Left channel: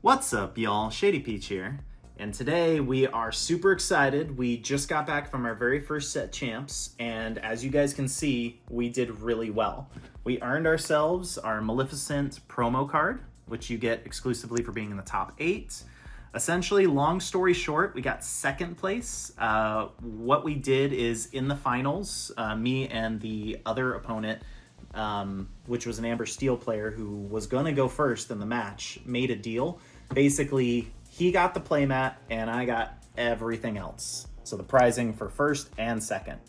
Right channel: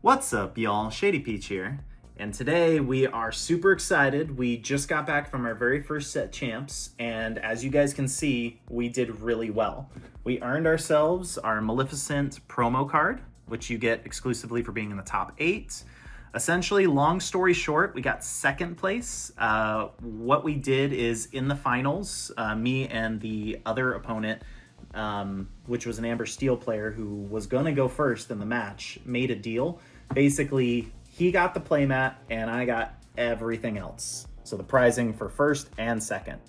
What's up, y'all? Shadypeach here, and today we are super excited. We just got back from our very first set champs, and as you guys can see, we did really well. We earned ourselves our Maleficent promo card, which you get exclusively for being in the top 8. Essentially, long story short, we got second place. What we did is in the finals, me and the other opponent, which was an Amber Steel player who was going to go first in the match, made a deal. Basically, he got the playmat and I got everything else. So the prizing for first and second.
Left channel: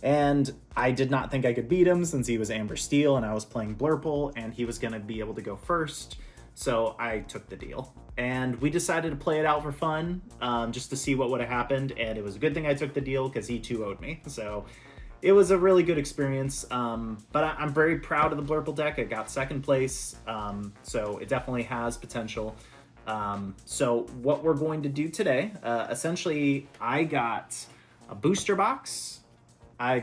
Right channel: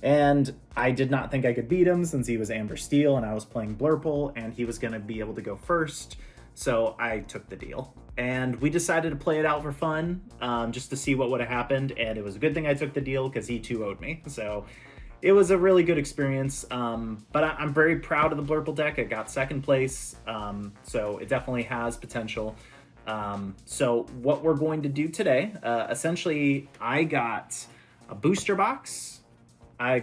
And I did not think I could beat him since he was Amber Steel and I was playing Blurple and he was going to be able to go first. So I took the deal. And we decided to play it out for fun, just to see what would have happened. And it was a good thing I took the deal because he too owed me. So it was a really good experience, but I'm very proud of the Blurple deck. I got second place, so it definitely has potential. So what we're going to do today, essentially, I got a booster box. I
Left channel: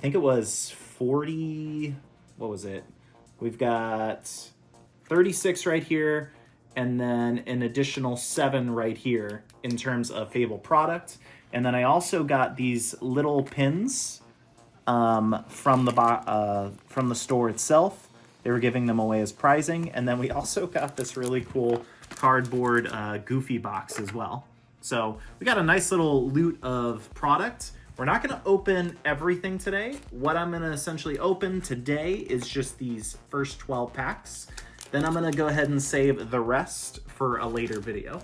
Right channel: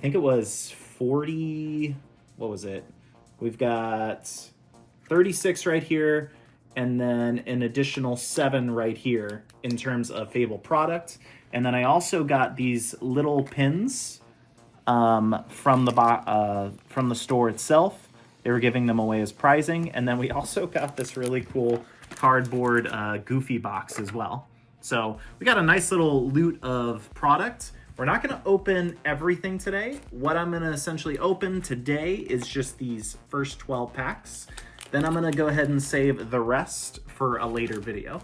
think it was 40, what was it? We've got 36 right here, and then an additional 7 right here in terms of Fabled product. And then I also got these little pins from the store itself. They were giving them away as prizing. And then we also got this really cool cardboard Goofy box as well. So we got a nice little loot of product. We're not going to open everything today. What I'm going to essentially open today is just these first 12 packs. Then I'm going to go ahead and save the rest for a later video,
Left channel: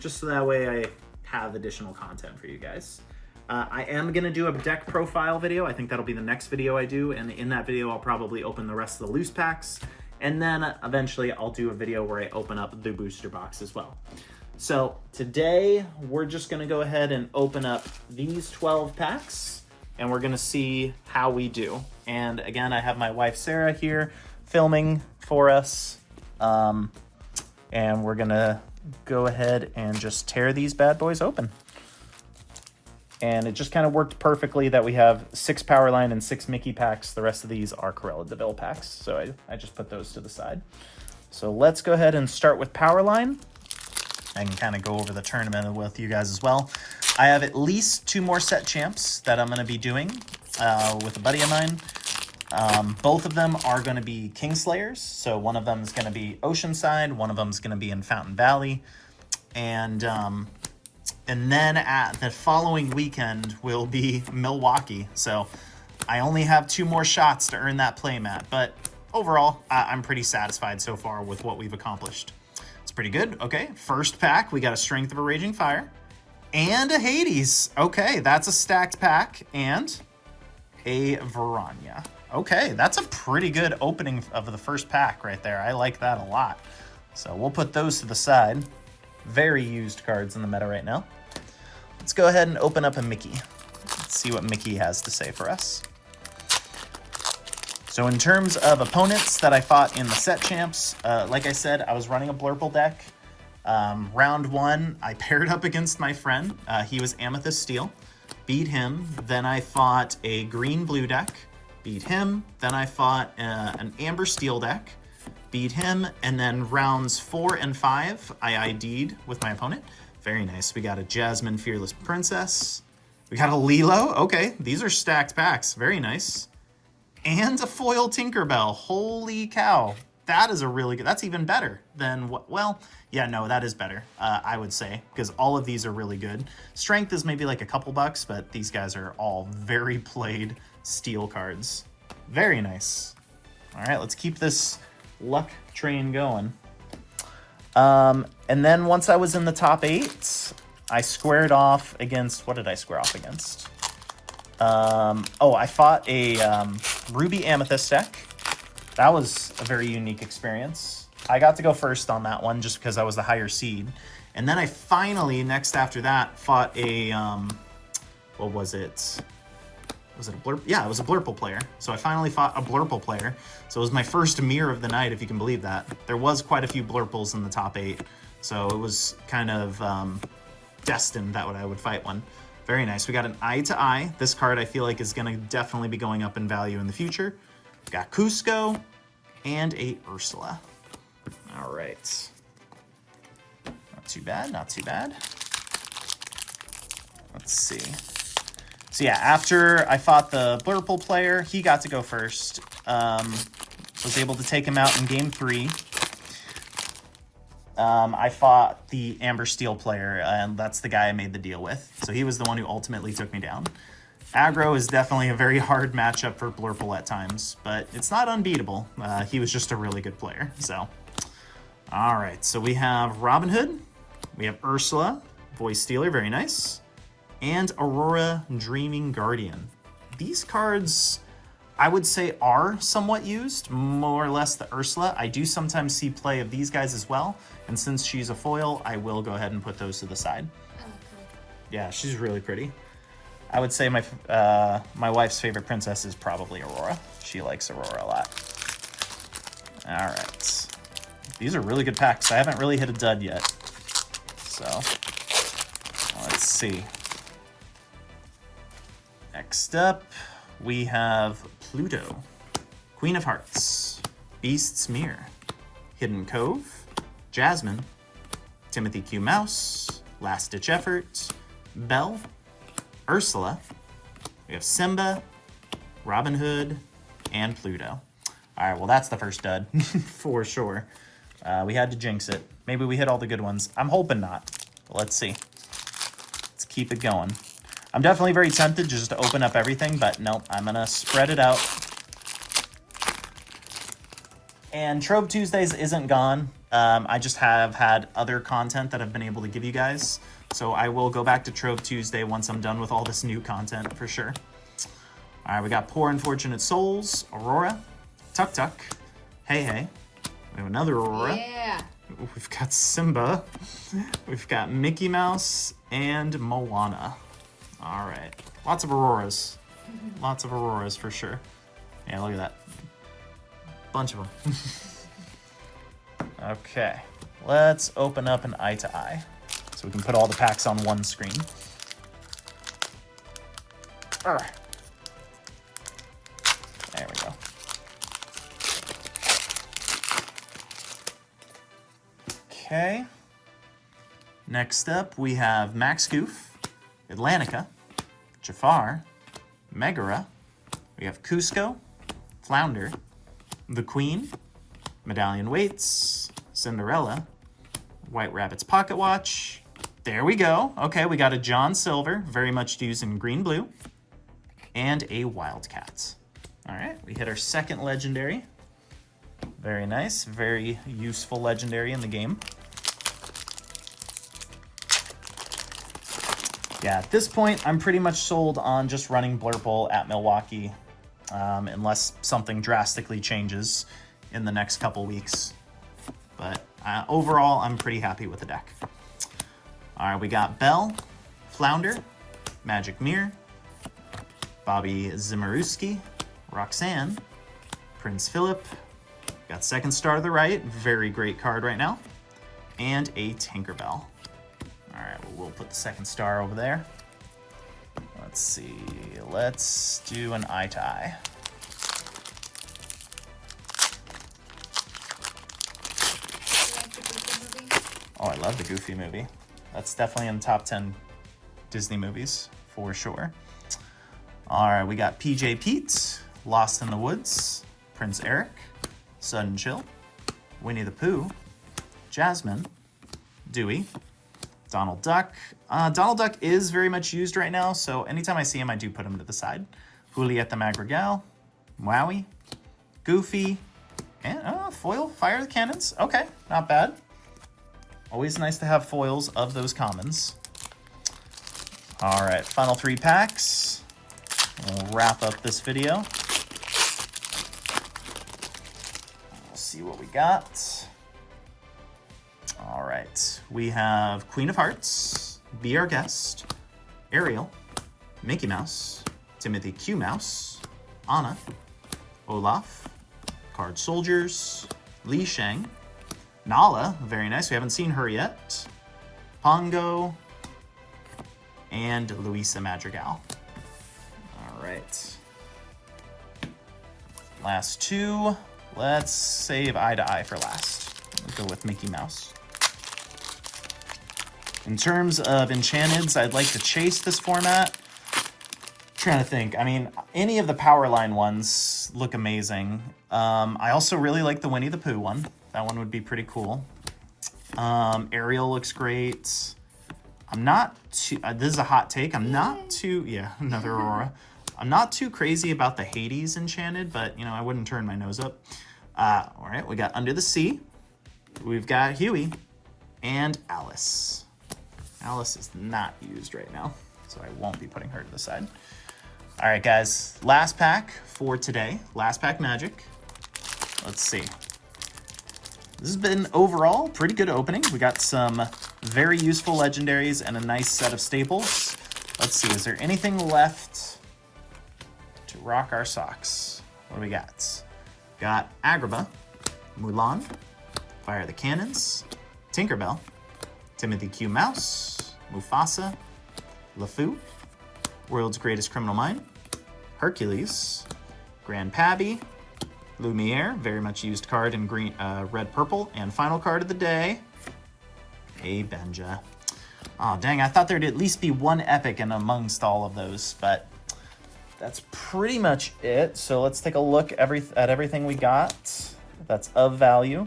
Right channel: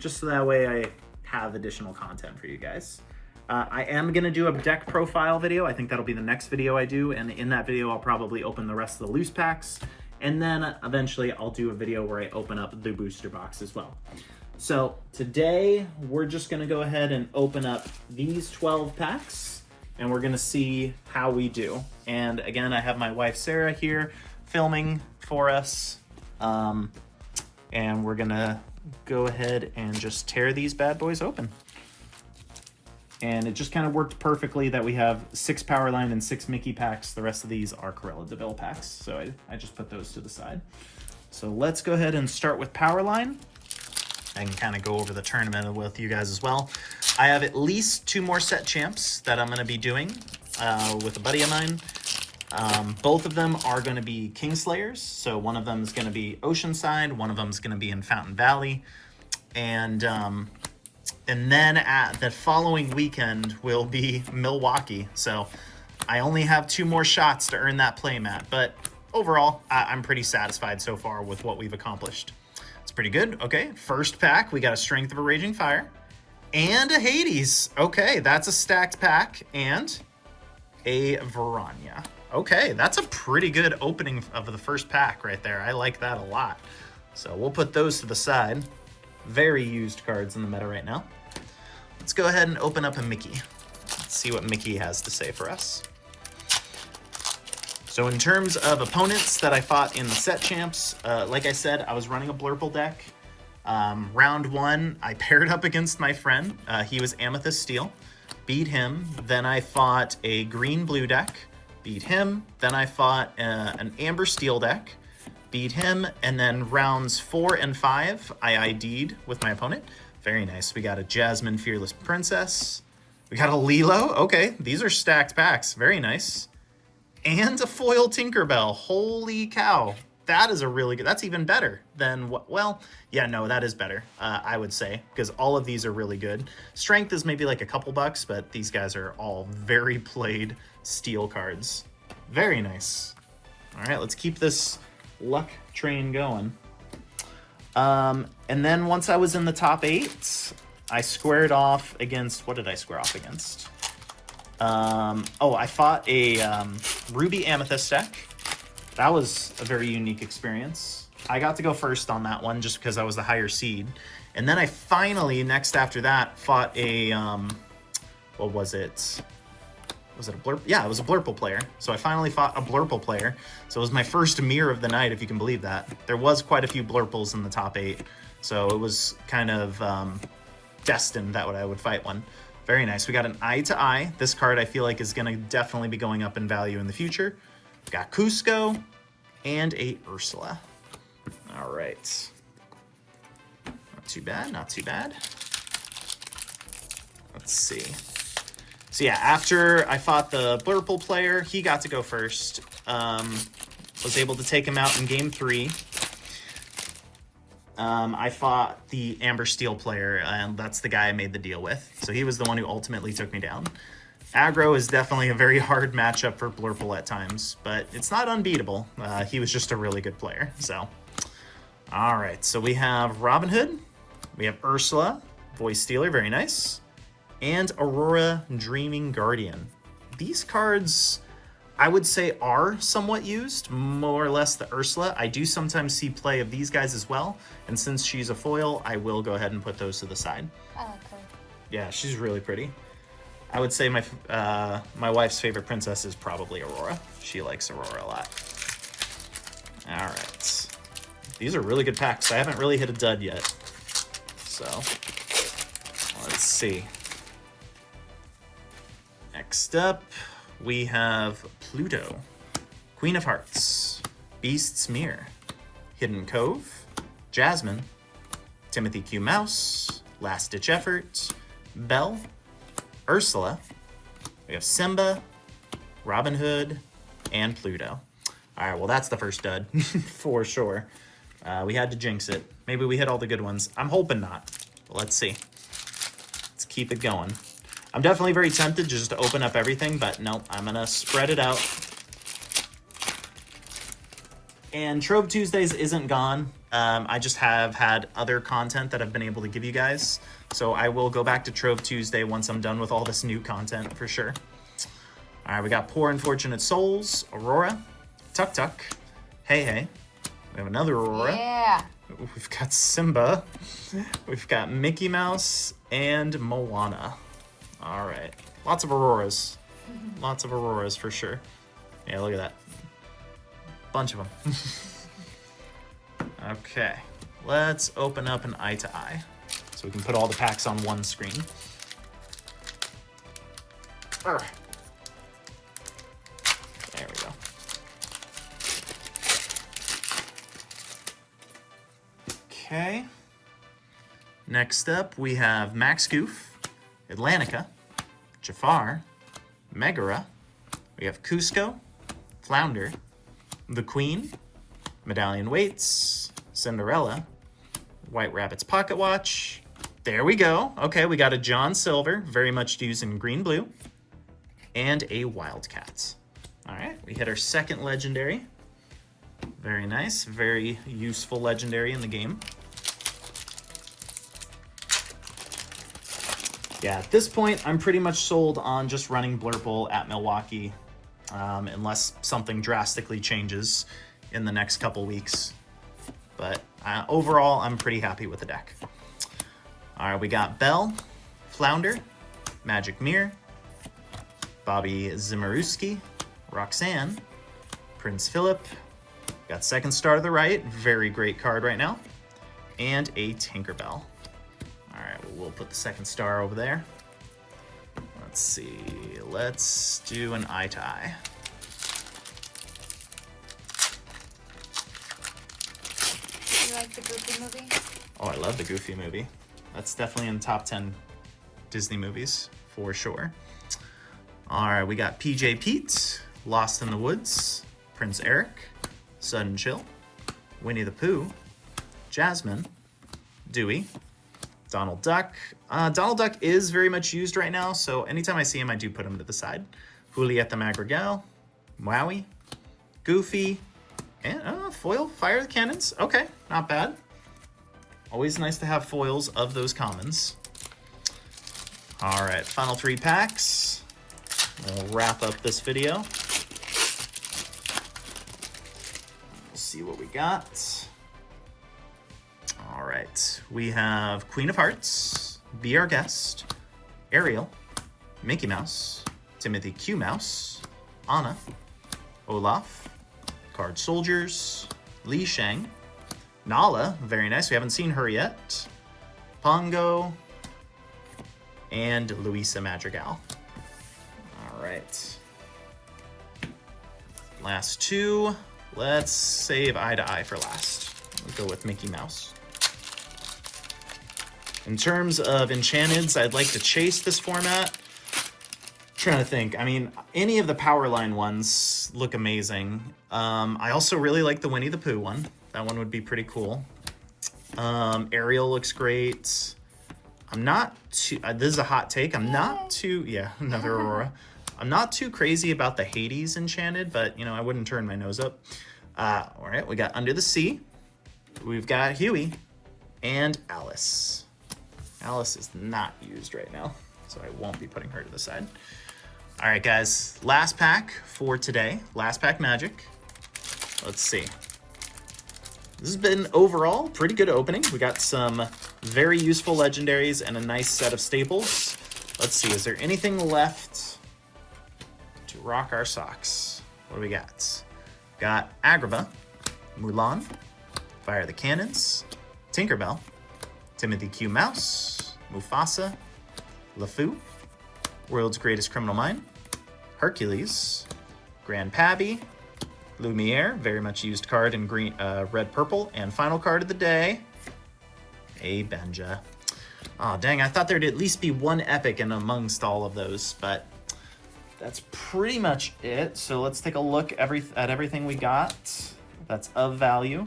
just so that way I have additional content for you guys. I am going to do a deck profile video. I think that'll be the next video I do, and in that video I'll probably open the rest of the loose packs, and then eventually I'll do a video where I open up the booster box as well. So today we're just going to go ahead and open up these 12 packs, and we're going to see how we do. And again, I have my wife Sarah here filming for us, and we're going to go ahead and just tear these bad boys open. And it just kind of worked perfectly that we have 6 Powerline and 6 Mickey packs. The rest of these are Cruella de Vil packs, so I just put those to the side. So let's go ahead and start with Powerline. I can kind of go over the tournament with you guys as well. I have at least 2 more set champs that I'm going to be doing with a buddy of mine. Both of them are going to be Kingslayers. So one of them is going to be Oceanside, one of them is going to be in Fountain Valley, and then at the following weekend will be Milwaukee. So I only have 2 more shots to earn that playmat, but overall I'm pretty satisfied so far with what we've accomplished. It's pretty good. Okay, first pack, we got a Strength of a Raging Fire and a Hades. Okay, that's a stacked pack, and a Verania. Okay, that's a pretty good opening of the first pack right there. I like that a lot. So we'll put those to the side. Very used cards in the meta right now. Let's go ahead and open up a Mickey. Let's see what Mickey has to say for us. So in terms of opponents that I fought in the set champs, like I said, I was running a Blurple deck. Round 1, I paired up against my friend. He was Amethyst Steel. Beat him. Then I fought a green-blue deck. Beat him. Then I fought an Amber Steel deck. Beat him. And then rounds 4 and 5, I ID'd with my opponent. Very nice. We got a Jasmine Fearless Princess. We got a Lilo. Okay, these are stacked packs. Very nice. And a foil Tinkerbell. Holy cow. That is a really good... That's even better than what... Well, yeah, no, that is better, I would say, because all of these are really good. Strength is maybe like a couple bucks, but these guys are all very played steel cards. Very nice. All right, let's keep this luck train going. And then once I was in the top 8, I squared off against... What did I square off against? I fought a Ruby Amethyst deck. That was a very unique experience. I got to go first on that one just because I was the higher seed. And then I finally, next after that, fought a... what was it? Was it a Blurp? Yeah, it was a Blurple player. So I finally fought a Blurple player. So it was my first mirror of the night, if you can believe that. There was quite a few Blurples in the top 8. So it was kind of destined that I would fight one. Very nice. We got an Eye to Eye. This card I feel like is going to definitely be going up in value in the future. Got Cusco and a Ursula. All right. too bad, not too bad. Let's see. So yeah, after I fought the Blurple player, he got to go first. Was able to take him out in game 3. I fought the Amber Steel player, and that's the guy I made the deal with. So he was the one who ultimately took me down. Aggro is definitely a very hard matchup for Blurple at times, but it's not unbeatable. He was just a really good player, so. All right, so we have Robin Hood, we have Ursula, Voice Stealer, very nice, and Aurora Dreaming Guardian. These cards, I would say, are somewhat used, more or less the Ursula. I do sometimes see play of these guys as well, and since she's a foil, I will go ahead and put those to the side. I like her. Yeah, she's really pretty. I would say my my wife's favorite princess is probably Aurora. She likes Aurora a lot. All right. These are really good packs. I haven't really hit a dud yet. So, let's see. Next up, we have Pluto, Queen of Hearts, Beast's Mirror, Hidden Cove, Jasmine, Timothy Q. Mouse, Last Ditch Effort, Belle, Ursula, we have Simba, Robin Hood, and Pluto. All right, well, that's the first dud for sure. We had to jinx it. Maybe we hit all the good ones. I'm hoping not. Let's see. Let's keep it going. I'm definitely very tempted just to open up everything, but no, I'm gonna spread it out. And Trove Tuesdays isn't gone. I just have had other content that I've been able to give you guys. So I will go back to Trove Tuesday once I'm done with all this new content for sure. All right, we got Poor Unfortunate Souls, Aurora, Tuk Tuk, Hey Hey. We have another Aurora. Yeah. We've got Simba. We've got Mickey Mouse and Moana. All right, lots of Auroras. Lots of Auroras for sure. Yeah, look at that. Bunch of them. Okay, let's open up an eye to eye so we can put all the packs on one screen. All right. There we go. Okay. Next up, we have Max Goof, Atlantica, Jafar, Megara. We have Cusco, Flounder, the Queen, Medallion Waits, Cinderella, White Rabbit's Pocket Watch. There we go. Okay, we got a John Silver, very much used in green-blue, and a Wildcat. All right, we hit our second legendary. Very nice, very useful legendary in the game. Yeah, at this point, I'm pretty much sold on just running Blurple at Milwaukee, unless something drastically changes in the next couple weeks. But overall, I'm pretty happy with the deck. All right, we got Belle, Flounder, Magic Mirror, Bobby Zimmerowski, Roxanne, Prince Philip, got Second Star to the right, very great card right now, and a Tinkerbell. All right, well, we'll put the Second Star over there. Let's see, let's do an eye to eye. You like the Goofy movie? Oh, I love the Goofy movie. That's definitely in the top 10 Disney movies, for sure. All right, we got PJ Pete, Lost in the Woods, Prince Eric, Sudden Chill, Winnie the Pooh, Jasmine, Dewey, Donald Duck. Donald Duck is very much used right now, so anytime I see him, I do put him to the side. Juliette the Madrigal, Wowie, Goofy, and foil Fire the Cannons. Okay, not bad. Always nice to have foils of those commons. All right, final 3 packs. We'll wrap up this video. We'll see what we got. All right, we have Queen of Hearts, Be Our Guest, Ariel, Mickey Mouse, Timothy Q. Mouse, Anna, Olaf, Card Soldiers, Li Shang, Nala, very nice, we haven't seen her yet, Pongo, and Luisa Madrigal. All right. Last 2. Let's save eye to eye for last. We'll go with Mickey Mouse. In terms of enchanteds, I'd like to chase this format. Trying to think. I mean, any of the Powerline ones look amazing. I also really like the Winnie the Pooh one. That one would be pretty cool. Ariel looks great. I'm not too... this is a hot take. I'm not too... Yeah, another Aurora. I'm not too crazy about the Hades enchanted, but, you know, I wouldn't turn my nose up. All right, we got Under the Sea. We've got Huey and Alice. Alice is not used right now, so I won't be putting her to the side. All right, guys, last pack for today. Last pack magic. Let's see. This has been overall pretty good opening. We got some very useful legendaries and a nice set of staples. Let's see, is there anything left to rock our socks? What do we got? Got Agrabah, Mulan, Fire the Cannons, Tinkerbell, Timothy Q. Mouse, Mufasa, LeFou, World's Greatest Criminal Mind, Hercules, Grand Pabby, Lumiere, very much used card in green, red, purple, and final card of the day, a Benja. Oh, dang, I thought there'd at least be one epic in amongst all of those, but that's pretty much it. So let's take a look at everything we got that's of value.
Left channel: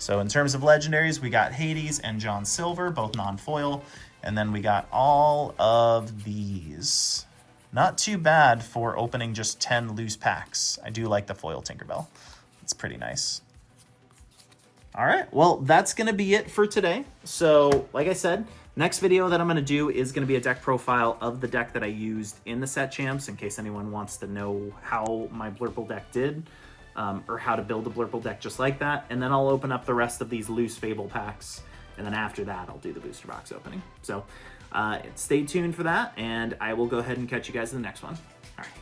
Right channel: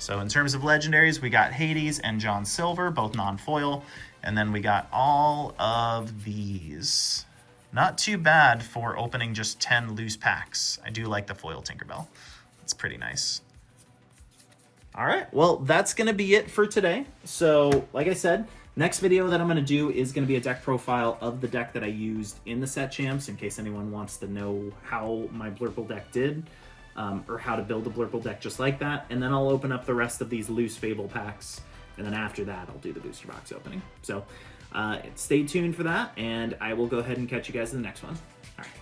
So in terms of legendaries, we got Hades and John Silver, both non-foil, and then we got all of these. Not too bad for opening just 10 loose packs. I do like the foil Tinkerbell. It's pretty nice. All right, well, that's gonna be it for today. So, like I said, next video that I'm gonna do is gonna be a deck profile of the deck that I used in the set champs, in case anyone wants to know how my Blurple deck did, or how to build a Blurple deck just like that. And then I'll open up the rest of these loose Fable packs, and then after that, I'll do the booster box opening. So, stay tuned for that, and I will go ahead and catch you guys in the next one. All right.